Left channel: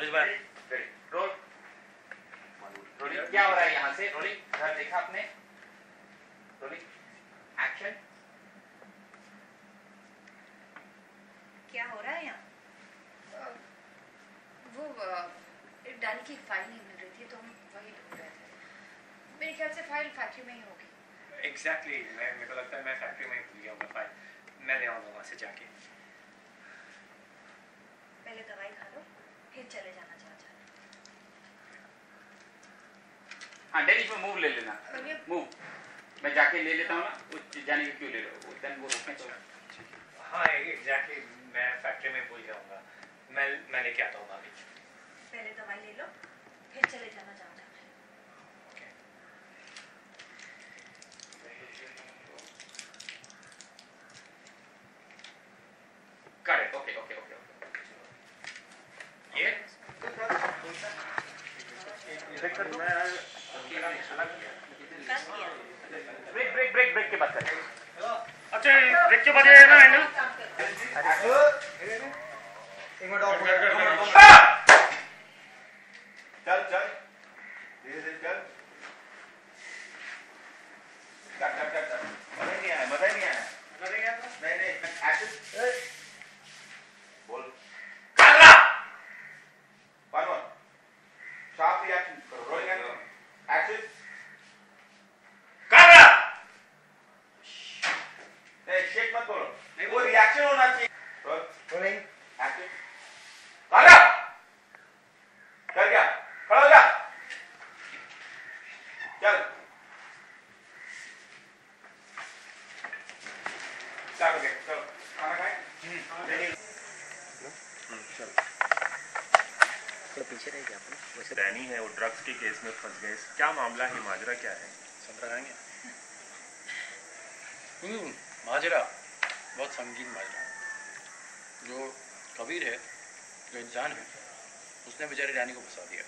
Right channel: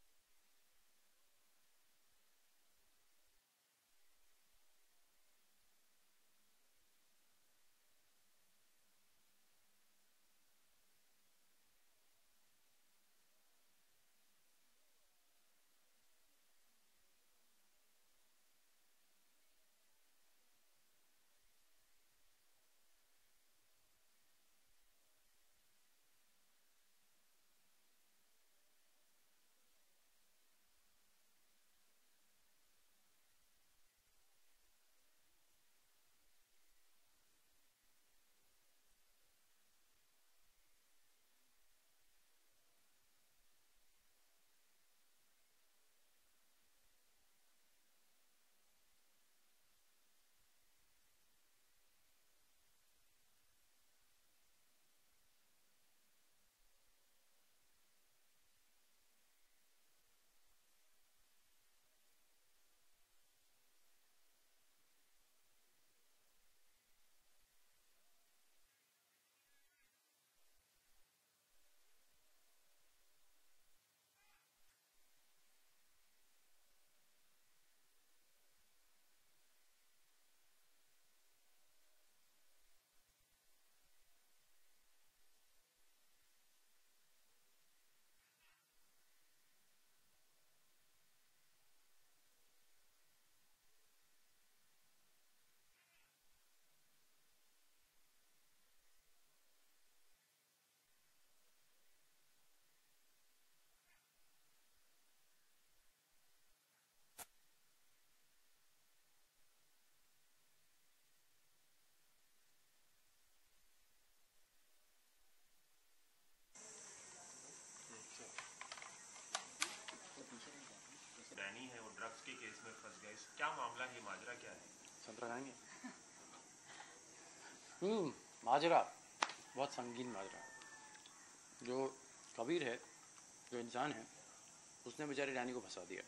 अनुज भाई role rolling. क्या हो रहा है यहाँ से? रोलिंग। घर देखा आपने? Rolling action. क्या हो रहा है यहाँ? वो डैनी की फाइल नहीं मिल रही थी तो हम वही ढूंढ रहे थे। मेरे ख्याल से फाइल फैक्ट्री में ही होगी। एग्जैक्टली मेरे को लगता है मैं फैक्ट्री में ही भूल गया हूँ फाइल। मैं ले आऊँगा वहाँ से जाके। पहले दवाई खा लो फिर चले जाना चाचा। हाँ डेनिश में मूव ले लेना। मूव मैं जाके ले लेता हूँ ना। वो जाने के क्यों ले रहे हो? देन वो रोकने तो। हाँ एग्जैक्टली मैं फैक्ट्री में भूल जाऊँगा। मैं लेके आता हूँ भाभी। पहले दवाई ले लो फिर चले जाना चाचा। करेक्ट। ओके ओके ओके ये ब्रेक कर दो। ब्रेक ब्रेक ब्रेक ब्रेक के बाद करें। अच्छा ब्रेक के बाद है ना एंगल। चल चल धीरे धीरे चल। मजा नहीं आया मजा नहीं आया। नहीं नहीं एक्शन बोल। काला वन वन शार्प रिएक्शन करो। Rolling action. काला नहीं शेक मत करो। नहीं वो रिएक्शन होना चाहिए। Rolling action. काला कर गया खड़ा हो जा। चल चल ओके चलो खाना खाए। पीछे रह गया वैसे। डैनी है वो ड्रग्स के केस में फंस गए। क्या मामला है? माजरा क्या है? सब रहेंगे। माजरा बहुत संगीन माजरा। जो कबीर है जो इंसान है उसने बेचारे डैनी को फंसा दिया।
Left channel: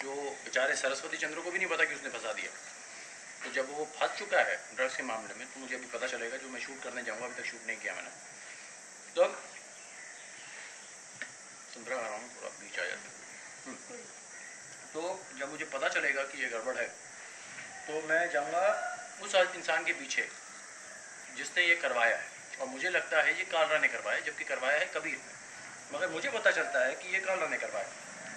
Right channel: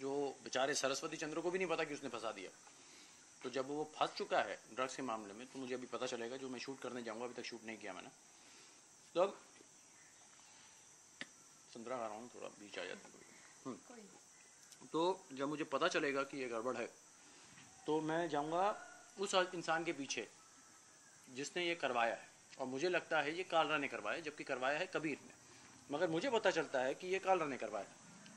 जो बेचारे सरस्वती चंद्र को भी नहीं पता कि उसने फंसा दिया। तो जब वो फंस चुका है ड्रग्स के मामले में तो मुझे अभी पता चलेगा। जो मैं शूट करने जाऊँगा अभी तक शूट नहीं किया मैंने। तो संतरा खा रहा हूँ थोड़ा बीच आ जाता। तो जब मुझे पता चलेगा कि ये गड़बड़ है तो मैं जाऊँगा उस इंसान के पीछे जिसने ये करवाया है। और मुझे लगता है ये कालरा ने करवाया जबकि करवाया है कबीर ने। मगर मुझे पता चलता है कि ये कालरा ने करवाया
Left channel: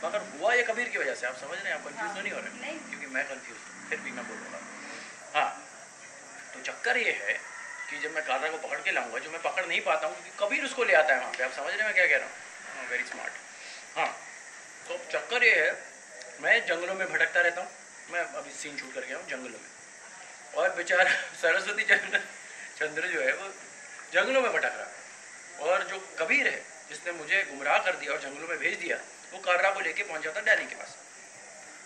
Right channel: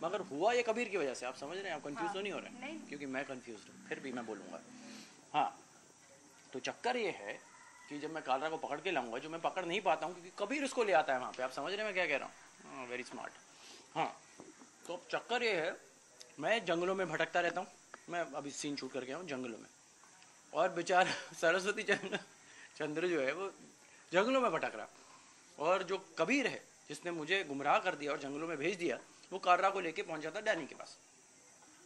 मगर हुआ ये कबीर की वजह से। आप समझ रहे हैं? आप कंफ्यूज तो नहीं हो रहे हैं? क्योंकि मैं कंफ्यूज हूँ फिर भी मैं बोलूँगा। हाँ तो चक्कर ये है कि जब मैं कालरा को पकड़ के लाऊंगा जो मैं पकड़ नहीं पाता हूँ क्योंकि कबीर उसको ले आता है वहाँ पे। आप समझ रहे हैं मैं क्या कह रहा हूँ? Very smart. हाँ तो चक्कर ये है मैं जंगलों में भटकता रहता हूँ। मैं अभी सीन शूट करके आऊँ जंगलों में और बेचारा सरस्वती चंद्र जो है वो जंगलों में भटक रहा है। और जो कबीर है जिसने मुझे गुमराह कर दिया और जंगलों में भेज दिया वो कालरा को लेके पहुंच जाता डैनी के पास।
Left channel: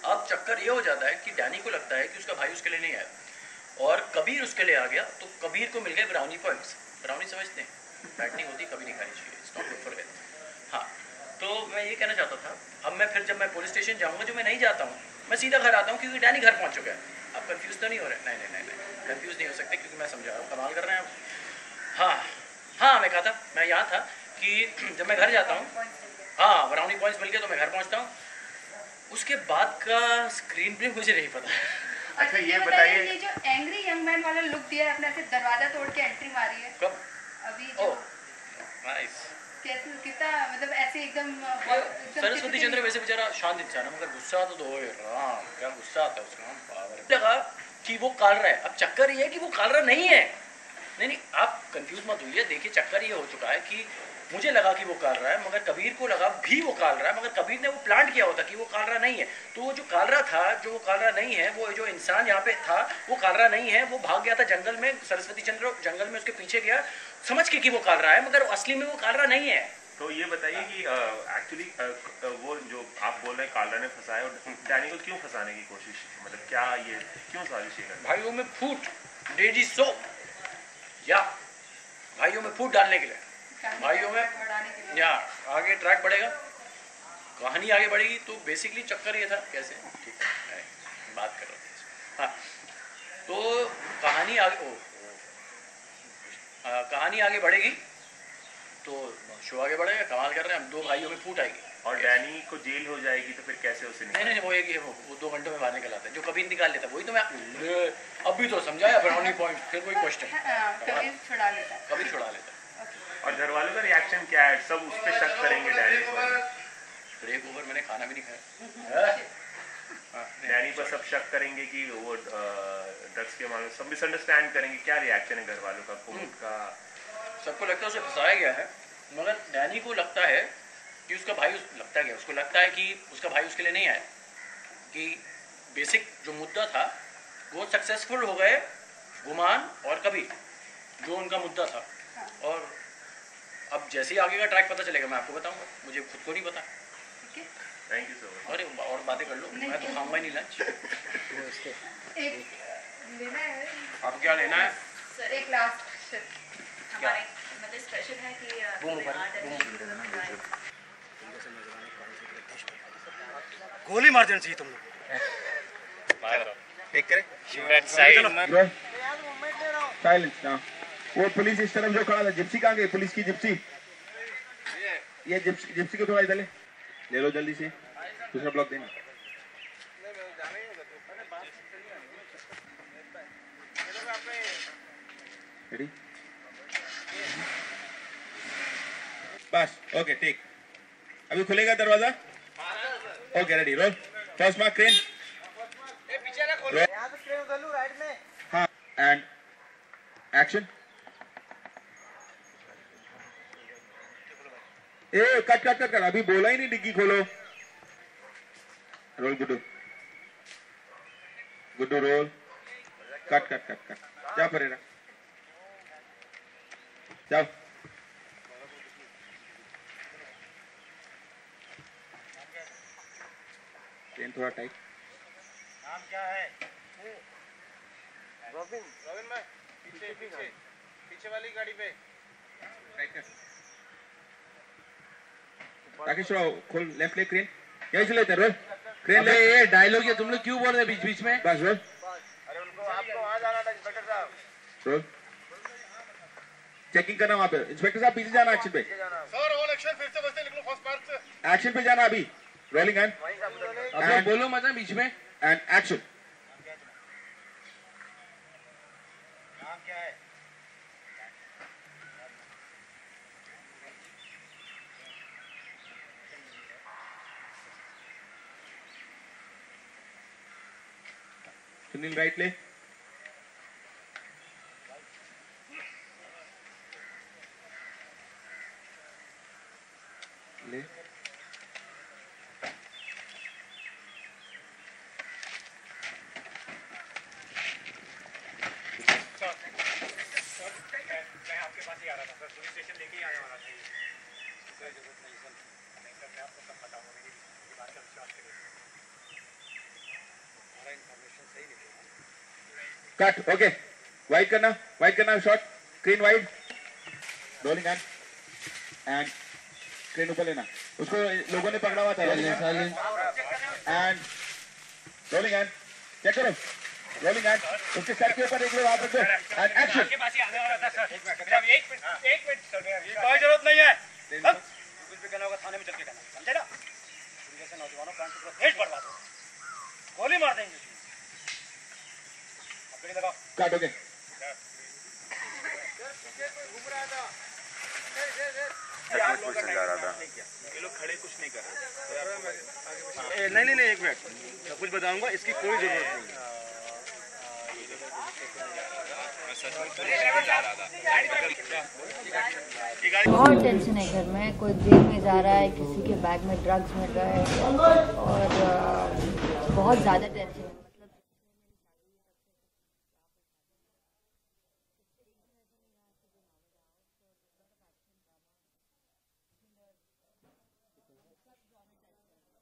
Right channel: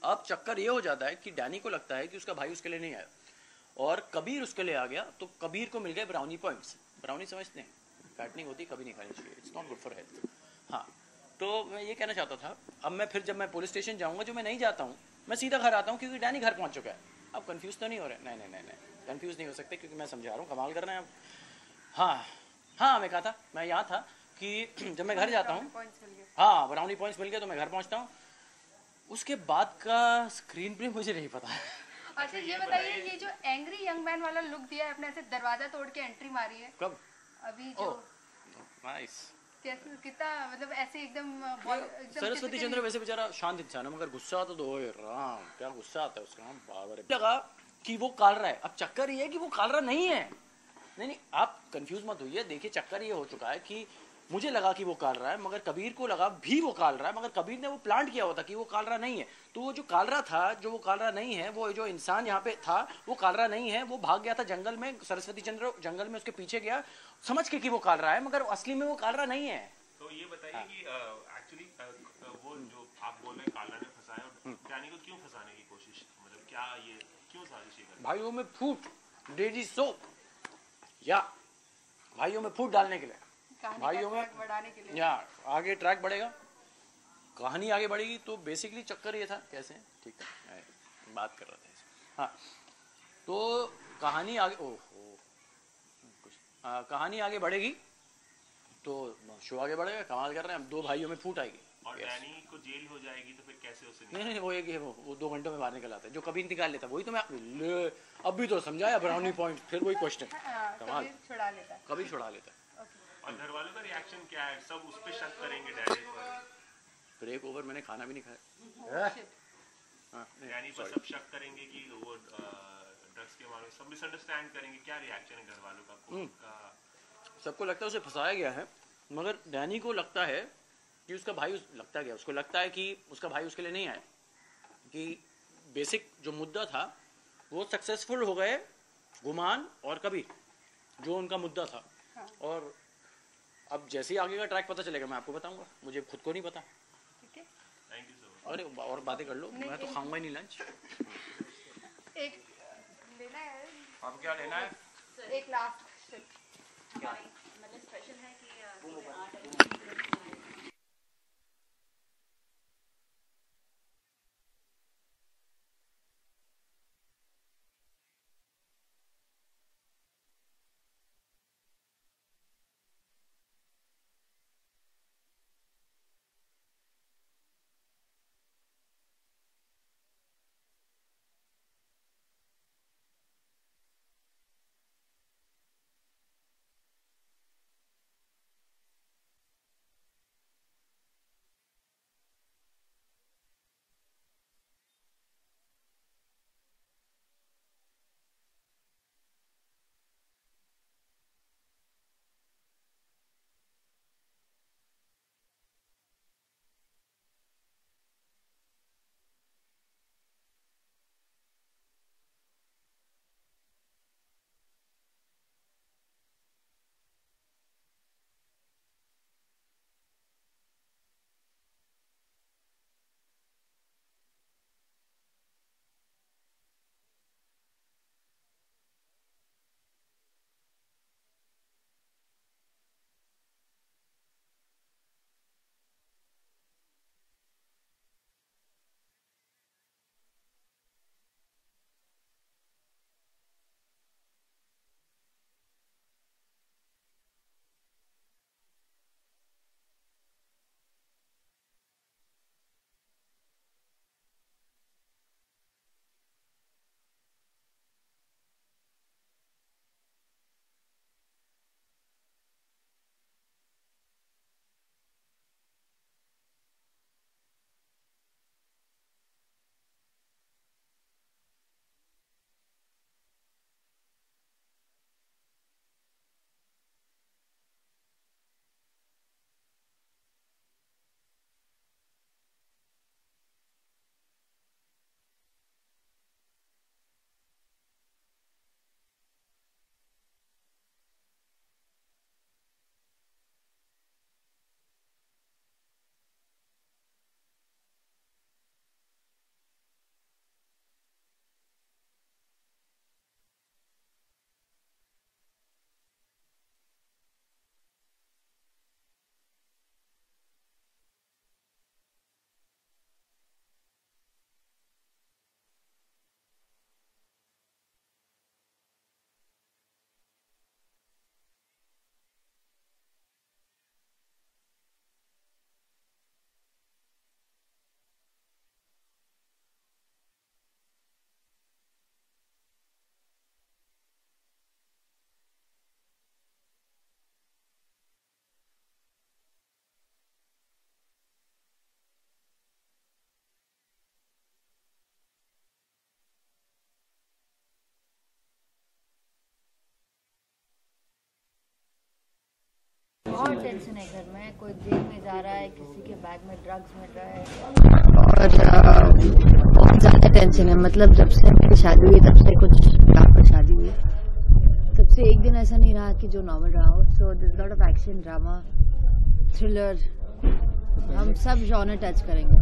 अब चक्कर ये हो जाता है कि डैनी को लगता है कि उसका भाई उसके लिए नहीं आया और कबीर उसके लिए आ गया। तो कबीर को मिल गए ब्राउनी पॉइंट्स। ब्राउनी समझते हैं? फैट नहीं होती कभी नहीं खानी चाहिए। It's not good for health. हाँ तो मैं ये कहना चाहता था। अब मैं फिर जब मैं पुलिस स्टेशन जाऊँगा जो मैं नहीं जाता हूँ मैं सीधा घर आता हूँ क्योंकि डैनी घर पहुँच चुका है। आप कंफ्यूज तो नहीं हो रहे? नहीं नहीं नहीं नहीं कंफ्यूज नहीं हो सकते क्योंकि मैं समझा रहा हूँ। कमाल कर रहे हैं आप। हाँ हाँ मैं कहा था मैं यहाँ था कि जब मैं घर जाता हूँ हाँ ब्राउनी पॉइंट्स मिल गए तो मैं घर पहुँचता हूँ। उसके बाद का स्क्रीन प्ले मुझे नहीं पता। अच्छा ये बताइए ये जो एंग्री यंग मैन वाला लुक दिया है अपने से दरवाजा तोड़ के एंट्री मारी है कब? अभी जो नाइस। कितना मतलब ऐसे एकदम सरस्वती चंद्र वैसे बेचारा शांत इंसान है मगर गुस्सा तो दो राम क्या गुस्सा आता है उसका। लगा कि वो कालरा है। अब चक्कर ये है कि वो कालरा नहीं है। नहीं नहीं आप कंफ्यूज मत हुई है। देखिए चक्कर ये हो चुका है कि मुझे लगा कि वो कालरा है मगर कबीर को लगा भी वो कालरा है मगर कबीर ने वो प्लांट किया होता कि वो कालरा नहीं है। तो वो जो कालरा था जो वो कालरा नहीं है वो जो इंसान यहाँ पे था वो कालरा नहीं है। वो भाग गया था जंगल में। सरस्वती चंद्र जंगल में उसके पीछे गया समझ के कि वो कालरा है मगर असली में वो कालरा नहीं है। तो ये बताइए कि एक्चुअली वो जो आप बोल रहे हैं कालरा ने फंसाया और डैनी को क्यों फंसाने की कोशिश मतलब क्या ये क्यों साजिश है? भाइयों में फूट डेजी सोप या भाइयों में फूट डालने के लिए भाइयों में या आगे ट्रैक बढ़ेगा कहानी आगे बढ़ेगी। तो बेसिकली चक्कर ये था कैसे ठीक है बात कर रहे थे। हाँ तो कहानी आगे कहानी आगे बढ़ेगी तो शो आगे बढ़ेगा। कमाल कर रहे हैं हम। दो भाइयों में फूट आएगी और डैनी को जेल हो जाएगी तो फिर कैसे उसे नहीं वो एक वो 2 घंटों में बाहर निकल आता है, जो कभी निकाल लेता, वही तो मैं अभी तो समझाया ब्राउनी पॉइंट, फिर कोई क्वेश्चन कभी छुड़ा लेता है। कभी छुड़ा लेता है। और घर वालों का रिएक्शन क्या है? सब उस पर शक करेंगे डैनी पर। ब्रेक ओवर, मैंने खाना भी नहीं खाया। डैनी पर सब शक करेंगे कि वो ड्रग्स के मामले सब मिसअंडरस्टैंड करेंगे। क्या रिएक्शन है घर वालों का, कोर्ट का? सबको लगता है उसे फंसाया गया है, मगर डैनी को लगता है कि उसका भाई लगता है कि उसका भाई उसके लिए नहीं आया, कि बेसिक जो मुद्दा था वो सक्सेसफुल हो गए, गुमान और कबीर जो उनका मुद्दा था। और अब जैसे ही आगे का ट्रैक पता चलेगा मैं आपको बताऊंगा, मुझे खुद को नहीं पता। Thank you so much. अरे और बातें कर लो, मैं तो खाऊंगा ही नहीं लंच। आपको क्या लेना है? एक लास्ट हमारे मतलब स्पेशल है कि गोली मार देना चाहिए तुम लोग। साइलेंस ना। वो पुलिस इस तरफ जो खड़ा था, जिप्सी कहाँ गई? पुलिस की जिप्सी, ये जिप्सी को थोड़ा इधर ले लो जल्दी से, दूसरा ब्लॉक देना। रेडी? बस ओके ठीक। अभी खुलेगा दरवाजा। Okay ready, roll. First mark crane. हाँ एंड एक्शन। ए कट अभी बोला ही नहीं, डिग्गी खोलो। Role Guddu role. कट जा परेरा, जाओ। ट्रेन थोड़ा टाइट। नाम क्या है? रॉबिन भाई, पीछे वाली गाड़ी पे। राकेश राव खोल, लेफ्ट ले क्रेन। यही से लेते रोल क्रेन ले। ये डायलॉग ये तुम लोग क्यों बोल रहे हैं बीच में? बस रोल। अरे उनको आपको वहाँ जाना था इंस्पेक्टर साहब। रोल। चेकिंग करना वहाँ पे। इंस्पेक्टर साहब पीछे जाना एक्शन पे। सर ऑल एक्शन, फिर से बसते निकलो फर्स्ट पार्क से। एक्शन पे जाना अभी। रोलिंग एंड अब लोग बोलो मत बीच में। And action. नाम क्या है? सुनील राइट ले। ले मैं आपके पास ही आ रहा था सर, पुलिस स्टेशन लेके ही आने वाला था। कोई जरूरत नहीं सर, नहीं सर मैं आपको सब बताऊंगा, मेरी बात का विश्वास करिए। हमारा इन्फॉर्मेशन सही निकलेगा। Cut okay. वाइड करना shot. Screen wide. Rolling and crane ऊपर लेना। उसको लोगों ने पकड़ा हुआ था। एंड रोलिंग एंड चेक करो। रोलिंग एंड उसके सर के ऊपर एक लो, आप रखो एंड एक्शन। आपके पास ही आने वाला था सर। एक मिनट सर, कोई जरूरत नहीं है। कुछ भी कहना होगा थाने में चल के कहना, समझे ना? जैसे नौजवानों का देश बर्बाद हो, गोली मार देंगे। लगाओ। Cut okay. ये लोग खड़े कुछ नहीं कर रहे। नहीं एक मिनट, मैं कुछ बताऊंगा, इसकी कोई जरूरत नहीं है। बहुत टेंशन है घर में। कोई जेल में जा रहा है, किसी के बैग में ड्रग्स मिल रहा है, और बहुत ज़्यादा टेंशन है। मतलब जब से मेरी शादी हुई तब से कुछ यहाँ पर शादी हुई तब से एक दिन ऐसा नहीं रहा कि जो नॉर्मल रहा हो। So this lot of action, drama, thriller, हम सब जॉनर टच करेंगे।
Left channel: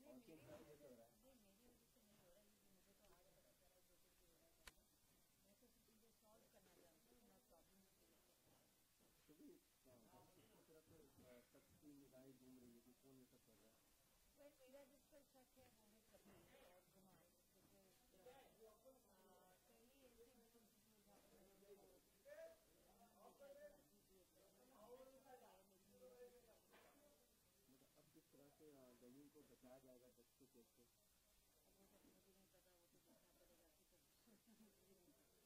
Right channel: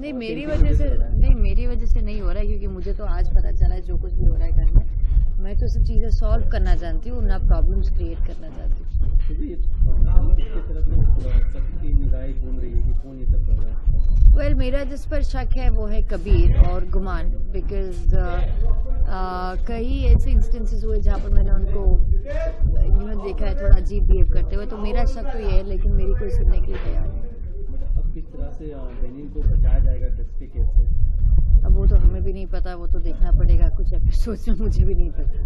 नहीं मेरी वजह से नहीं हो रहा है, क्योंकि मुझे तो आज पता चला है जो कुछ भी हो रहा है घर में। मैं तो सब चीज़ें सॉल्व करना चाहती हूँ, ना प्रॉब्लम्स क्रिएट करना चाहती हूँ। वेल मेरा जिस पर शक है वो है कबीर और गुमान, बिकॉज कई ऐसे इंस्टेंसेस हुए जहाँ पर मैंने उनको देखा है थोड़ा अजीब बिहेव करते हुए, तो मेरा शक तो ये है, लेकिन मेरी कोई सुनने के लिए तैयार नहीं। मतलब अब किस तरह से डेनियल को बचाया जाएगा ड्रग्स के केस से? अब वो तो हमें भी नहीं पता, वो तो देखना पड़ेगा कुछ एपिसोड्स में, मुझे भी नहीं पता।